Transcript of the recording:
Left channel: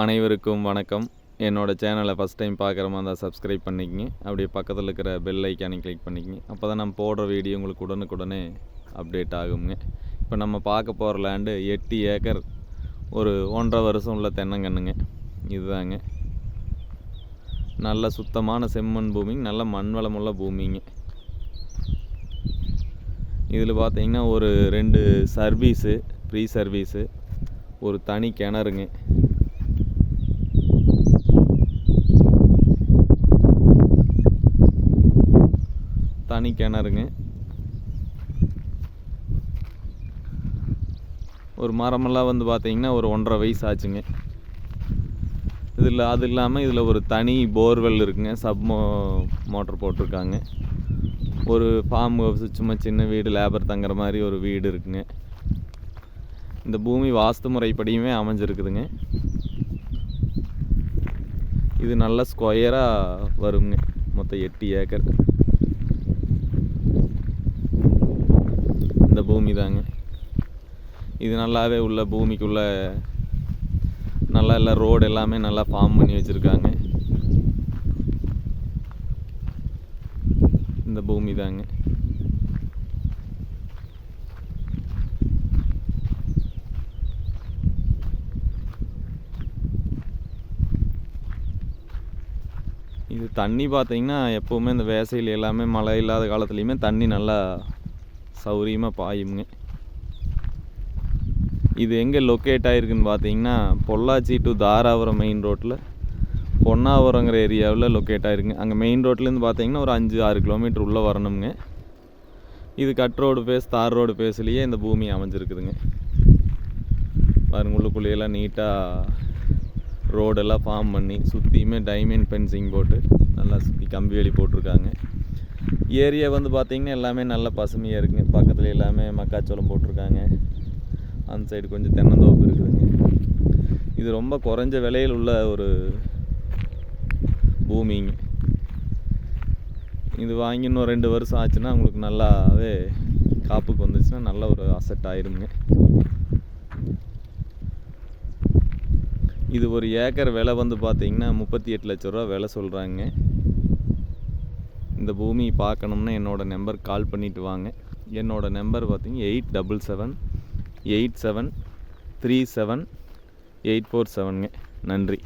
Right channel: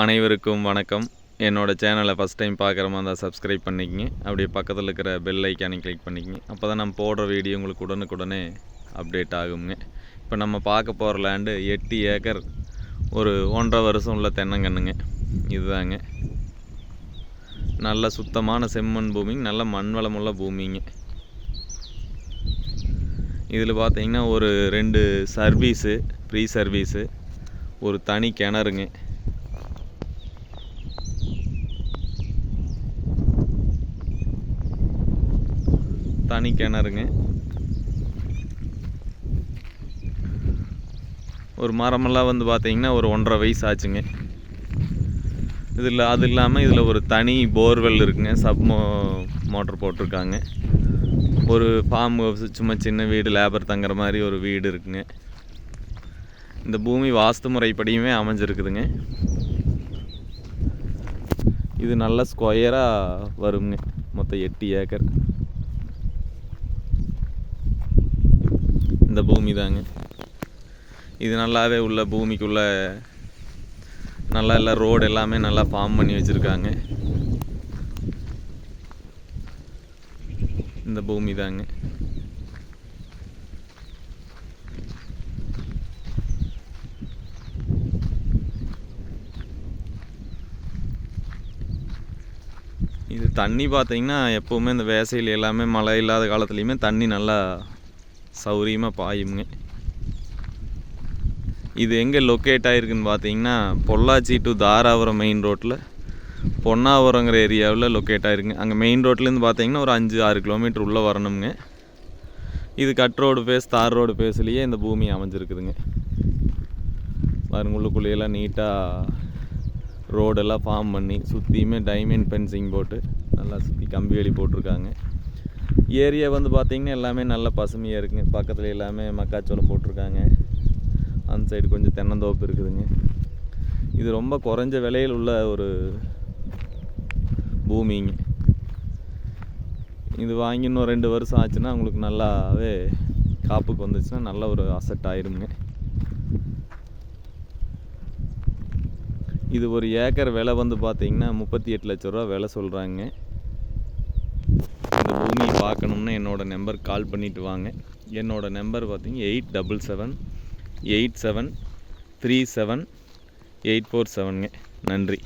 அனைவருக்கும் வணக்கம். என்னோடய சேனலை ஃபஸ்ட் டைம் பார்க்குற மாதிரி இருந்தால் சப்ஸ்கிரைப் பண்ணிக்கங்க. அப்படியே பக்கத்தில் இருக்கிற பெல் ஐக்கானை கிளிக் பண்ணிக்கங்க. அப்போ தான் நம்ம போடுற வீடியோ உங்களுக்கு உடனுக்குடனே அப்டேட் ஆகுங்க. இப்போ நம்ம பார்க்க போகிற லேண்டு எட்டு ஏக்கர் ஒரு ஒன்றரை வருஷம் உள்ள தென்னங்கன்னுங்க. இதுதாங்க. நல்ல சுத்தமான செம்மண் பூமிங்க நல்ல மண் வளமுள்ள பூமிங்க. இதில் பார்த்தீங்கன்னா ஒரு ரெண்டு சர்வீஸு ஃப்ரீ சர்வீஸு ஒரு தனி கிணறுங்க. தனி கிணறுங்க. ஒரு மரமெல்லாம் வந்து பார்த்தீங்கன்னா ஒரு ஒன்றரை வயசு ஆச்சுங்க. இதில் அது இல்லாமல் இதில் ஒரு தனி போர்வெல் இருக்குங்க. சப் மோ மோட்டர் போட்டிருக்காங்க. ஒரு ஃபார்ம் ஹவுஸ் சும்மா சின்ன வீடு லேபர் தங்குற மாதிரி ஒரு வீடு இருக்குங்க. இந்த பூமி வாஸ்து முறைப்படியுமே அமைஞ்சிருக்குதுங்க. இது நல்ல ஸ்கொயராக வருங்க. மொத்தம் எட்டு ஏக்கர். இந்த பூமி தாங்க. இது நல்லாவே உள்ள பூமிக்குள்ளே நல்லா எல்லாம் ரோடு எல்லாமே நல்லா ஃபார்ம் பண்ணி வச்சுருக்காங்க. இந்த பூமி தாங்க. இது தண்ணி பார்த்தீங்கன்னா எப்போவுமே இந்த வேசையில் எல்லாமே மழை இல்லாத காலத்துலேயுமே தண்ணி நல்லா சௌரியமாக பாயுமுங்க இது எங்கே லொக்கேட் ஆகிருக்குன்னு பார்த்தீங்கன்னா பொள்ளாச்சி டு தாராபுரம் மெயின் ரோட்டில் பொன்னாவரங்கிற ஏரியாவில் லொக்கேட் ஆகிருக்குங்க அங்கே மெயின் ரோட்லேருந்து பார்த்தீங்கன்னா ஒரு அஞ்சு ஆறு கிலோமீட்டர் உள்ளே வரணுங்க இது cut road base tar road பேஸ்லேயே இந்த பூமி அமைஞ்சிருக்குதுங்க. பாருங்க உள்ளுக்குள்ளேயெல்லாம் நீட்டாக ரோடெல்லாம் ஃபார்ம் பண்ணி சுற்றியுமே டைமண்ட் பென்சிங் போட்டு நல்லா சுற்றி கம்பி வேலி போட்டிருக்காங்க. ஏரியா வந்து பார்த்திங்கன்னா எல்லாமே நல்ல பசுமையாக இருக்குங்க. பக்கத்தில் எல்லாமே மக்காச்சோளம் போட்டிருக்காங்க. அந்த சைடு கொஞ்சம் தென்னந்தோப்பு இருக்குதுங்க. இது ரொம்ப குறைஞ்ச விலையில் உள்ள ஒரு பூமிங்க. இது வாங்கி இன்னும் ரெண்டு வருஷம் ஆச்சுன்னா உங்களுக்கு நல்லாவே காப்புக்கு வந்துச்சுன்னா நல்ல ஒரு அசெட் ஆயிருங்க. இது ஒரு ஏக்கர் விலை வந்து பார்த்தீங்கன்னா முப்பத்தி எட்டு லட்ச ரூபா விலை சொல்கிறாங்க இந்த பூமி பார்க்கணும்னா என்னோடய நம்பர் கால் பண்ணிவிட்டு வாங்க. என்னோடய நம்பர் பார்த்தீங்க eight double seven eight seven three seven eight four செவனுங்க. நன்றி.